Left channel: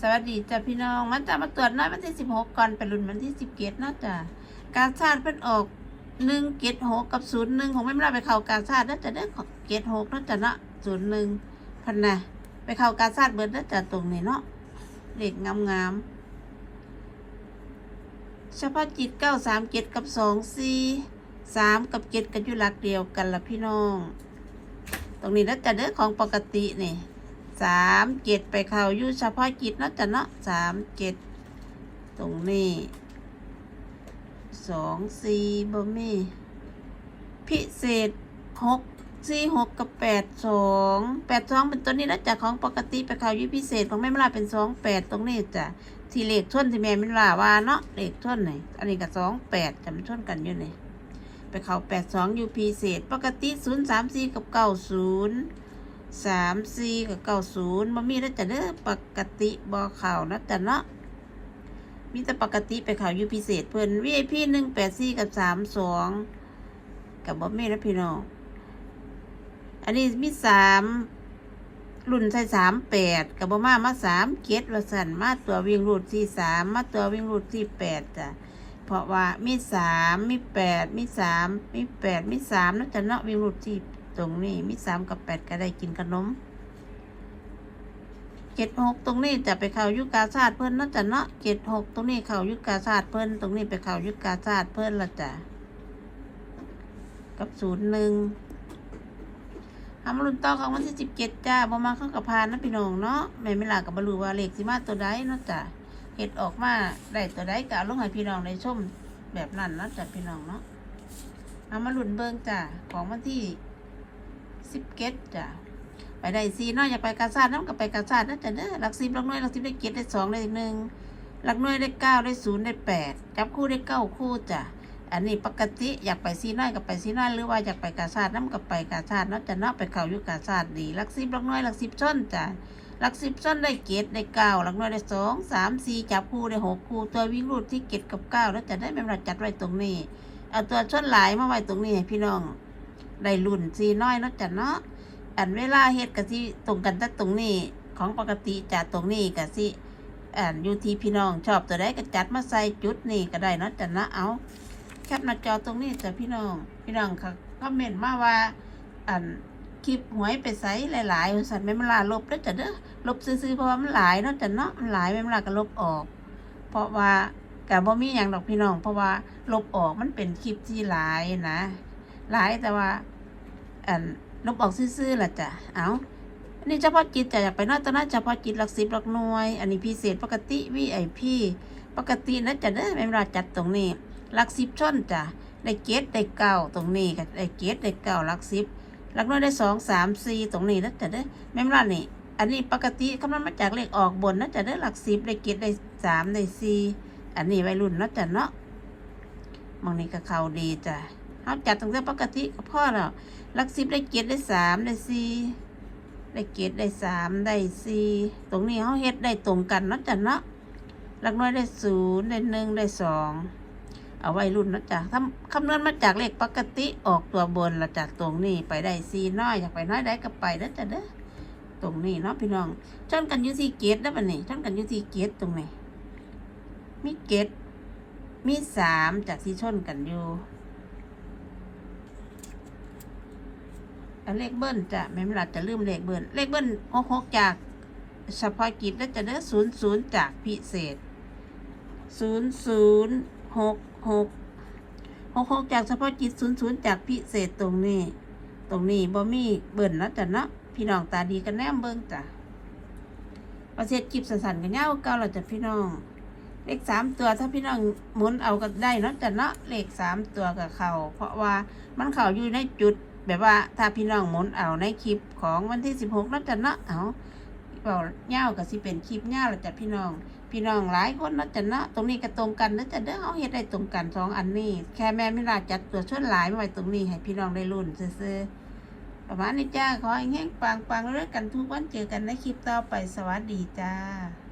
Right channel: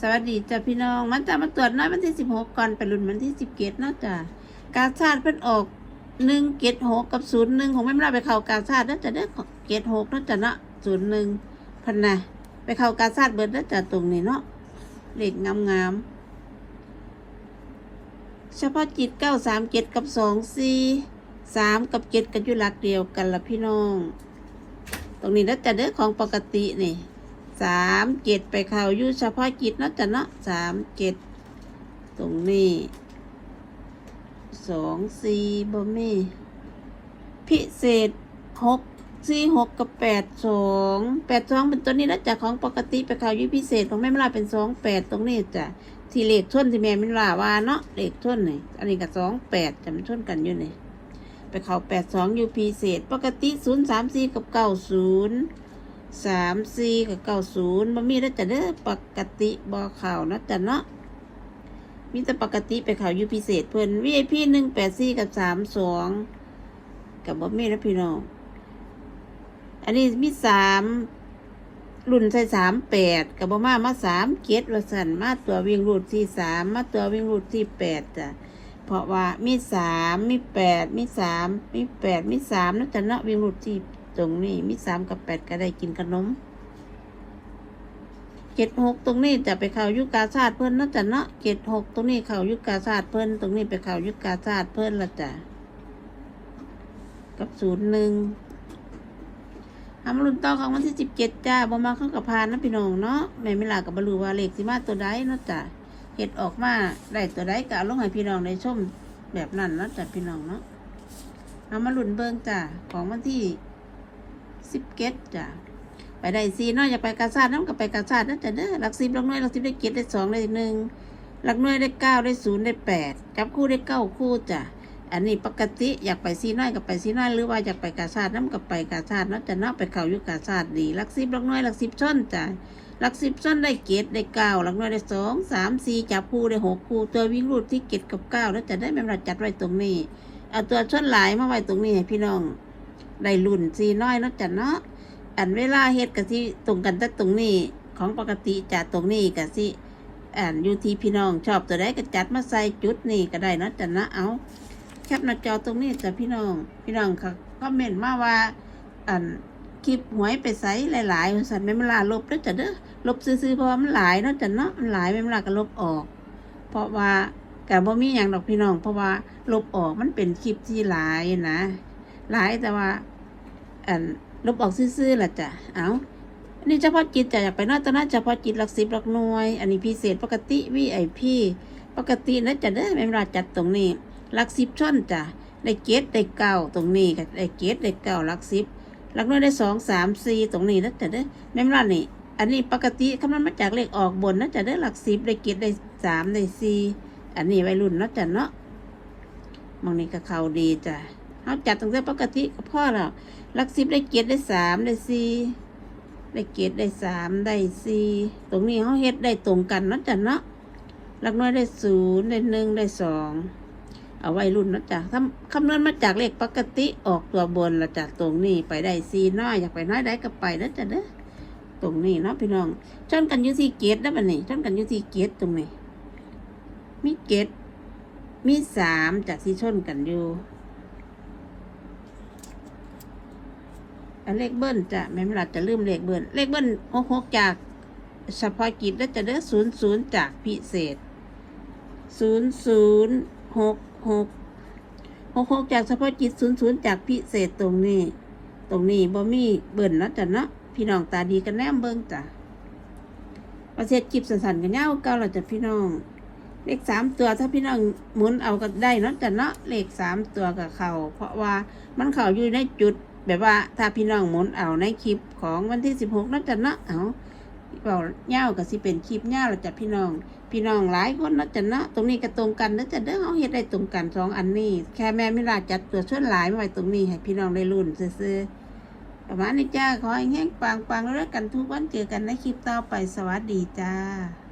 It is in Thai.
สวัสดีจ้ะพี่น้อง มันจะมาตรวจน้อยวันที่สิบหกก่อนไปรุ่นวันที่สิบเกตนะจ้ะกาชาติเพิ่นออกหนึ่งเกตหกกับศูนย์หนึ่งของไม่มาไปเข้ากาชาติน่าจะได้เกตหกน่าจะเนาะศูนย์หนึ่งพันนะไปเข้ากาชาติเบิดน่าจะตรงนี้เนาะเลขงามงามๆเฉพาะจิตเก้าสามเกตกับสองสี่สามกับเกตกันอยู่หลักเดียวกันละพี่น้อง ตรงนี้น่าจะเด้อของปกตินี่ สามเจ็ดไปเขาอยู่เฉพาะจิตเนาะจ้ะเนาะสามเจ็ดตรงนี้สองสี่บ่มีพิเศษหกสี่หกกับแปดสองแปดสองเป็นตัวนี้นะจ๊ะของปกติไปเขาอยู่พิเศษของแม่มลาเป็นสองแปดตรงนี้จ้ะที่เลขท่วนที่แม่มลาว่าเนาะเลขท่วนนี่อันนี้กับสองแปดจะมันท่วนกันอยู่นี่ไปเข้าแปดสองอยู่พิเศษ ปกติศูนย์สามสี่กับเก้าศูนย์ สามสี่กับเก้าศูนย์มันมีแล้วจะเด้อปกติบอข่าวนะแต่เนาะมีแต่ปกติไปข่าวยูพิเศษเพิ่นวีไอพีหนึ่งแปดสี่กับสามสองกับบ่มีแล้วพี่น้องอันนี้มีสามรุ่นใส่สามแปดกับบ่มามาสามเกตละสันมาตัววิ่งรูดที่สามมาตัววิ่งรูดที่แปดจ้ะเพราะว่ามีสามมีแปดมีสามมีแปดมีสามนั่นจะเนาะวิ่งรูดที่ ตรงนี้มีสามกับแปดก็ได้กินขนมเจ็ดหกตรงนี้จะไปเข่ายุกาศาตร์เพิ่อนนั่นจะเนาะเจ็ดหกตรงนี้เข่ายุกาศาตร์เพิ่อนตรงนี้ไปเข่ายุกาศาตร์เพิ่อนละจ้ะกับศูนย์หนึ่งทำรุ่นต่อของวันที่สิบเจ็ดจ้าบ่มาเข้ากับพานนะพี่น้องเนาะแม่ไม่ลากับบรูวาเลขที่มาตัวใดเนะจ้ะเห็ดออกมาได้ตัวใดกะลงให้พี่น้องในชมแบบนั้นนะจ้ะพี่น้องเนาะเอามาลุ่นเบิ่งจ้ะของวันที่ สิบเกตจ้ะไปได้ซีเนาะอย่าไปกาซาดน้ำกับไปกาซาดนั่นแต่เด้อหลักสิบหลักหน่วยหลักสิบได้เกตได้สองได้หนึ่งหลักหน่วยได้เก้าได้ศูนย์ได้แปดจับคู่ได้เก้าคู่จ้ะอันนี้ปกติอยากไปซีน้อยกับไปซีน้อยหรือว่าอยากไปกาซาดน้ำกับไปกาซาดเนาะแต่เนาะไปเข่าอยู่กาซาดดีหลักสิบหลักหน่วยหลักสิบช่อนจ้ะหลักสิบช่อนได้เกตได้เก้าหลักหน่วยได้สองสามสี่จับคู่ได้หกคู่ตัววิ่งรูดที่เกตกับเก้าแล้วจะได้ไม่มาจัดไว้ตรงนี้ เอาตัวช่อนหลายมาไว้ตรงนี้ให้พี่น้อง ได้รุ่นซีน้อยเนาะจ้ะเนาะอันเวลาเฮ็ดกะสิตรงกันแต่ตรงนี้ของปกติจะตรงนี้กะสิอันอยู่ที่พี่น้องชอบตัวใดก็จัดมาใส่จุดนี่ก็ได้เนาะจ้ะนะเอาแคปหน้าจอตรงนี้จ้ะพี่น้อง พี่น้องค่ะคอมเมนต์มาว่าอันคลิปหวยไปใส่หลายๆสันไม่เวลาลบแล้วจ้ะเด้อลบซื้อๆเพราะมันหลายเนาะจ้ะเนาะมันหลายไม่เวลาก็ลบออก เพราะว่าการบ่มีอย่างดอกพี่น้อง เพราะว่าลบออกมันเป็นคลิปที่หลายนะ หลายแต่ว่าลบออกซื่อๆล่ะจ้ะเอาอันนี้เฉพาะจิตจะอยาไปนอกตอนนั้นเฉพาะจิตหลักสิบหลักหน่วย อันนี้พิเศษปกติวีไอพีปกตินะจะเด้อไม่เวลาจัดตรงนี้หลักสิบช่อนจ้ะได้เกตได้เก้าตรงนี้ก็ได้เกตได้เก้าหลักสิบหลักหน่วยได้สองสามสี่ตรงนี้นะจะเด้อไม่เวลานี่อันนี้ปกติคำนวณมาจากเลขออกบนนะจะได้หลักสิบได้เกตได้สามได้สี่อันนี้วัยรุ่นนาะจะเนาะมองนี่ก็เข้าดีจ้ะ เอาจัดตั้งแต่ปกติก็พอแล้วหลักสิบได้เกียรติได้สามได้สี่ได้เกียรติได้สามได้สี่ตรงนี้เขาเฮ็ดได้ตรงกันนะจ้ะเนาะลักน้อยได้ศูนย์ได้หนึ่งได้สองเอาไว้รุ่นนะจ้ะทำคำนวณมาจากเลขปกติออกตัวบนละจ้ะตรงนี้ไปได้สี่น้อยอยากไปน้อยได้ก็ไปเด้อจ้ะเด้อตรงนี้เนาะพี่น้องชนกันอยู่ที่เกียรตินะบัดนี้ชนกันอยู่ที่เกียรติตรงนี้มีเกียรติมีสามจากที่ชนกันอยู่ อัน เลขเบิ้ลจะแม่เวลาจะลืมเลขเบิ้ลเลขเบิ้ลหกหกจากเฉพาะกิจแล้วจะได้ศูนย์ศูนย์จากพิเศษศูนย์ศูนย์หกหกหกหกจากเฉพาะกิจศูนย์ศูนย์จากพิเศษตรงนี้ ตรงนี้บ่มีเบิ้ลแล้วจ้ะเนาะพี่น้องตาดีกันแนมเบิ้งจ้ะประเทศกิบสันๆกันเน่าเก้าเราจะพี่น้อง เลขสามตัวถ้าพี่น้องหมุนเอาก็ได้นาะจ้ะเนาะเลขสามตัวกับเขาเพราะว่ามันเขาอยู่ในจุด แบบว่าถ้าพี่น้องมุนเอาในคลิปของวันที่สิบหกนั่นจะเนาะเอาเปล่าเง่ากับสิเป็นคลิปเง่าแล้วจ้ะพี่น้อง พี่น้องหลายคนนั่นจะเนาะตรงนี้ก็ตรงกันนั่นจะเด้อเอาเฮ็ดได้ตรงกันสองอันนี้ แค่แม่ไม่ลาจัดตัวช่วยหลายมาไว้ตรงนี้ให้พี่น้องได้รุ่นซื้อๆประมาณนี้จ้าขอให้แห้งปังๆแล้วกันทุกวันเจอกันในคลิปต่อไปสวัสดีจ้า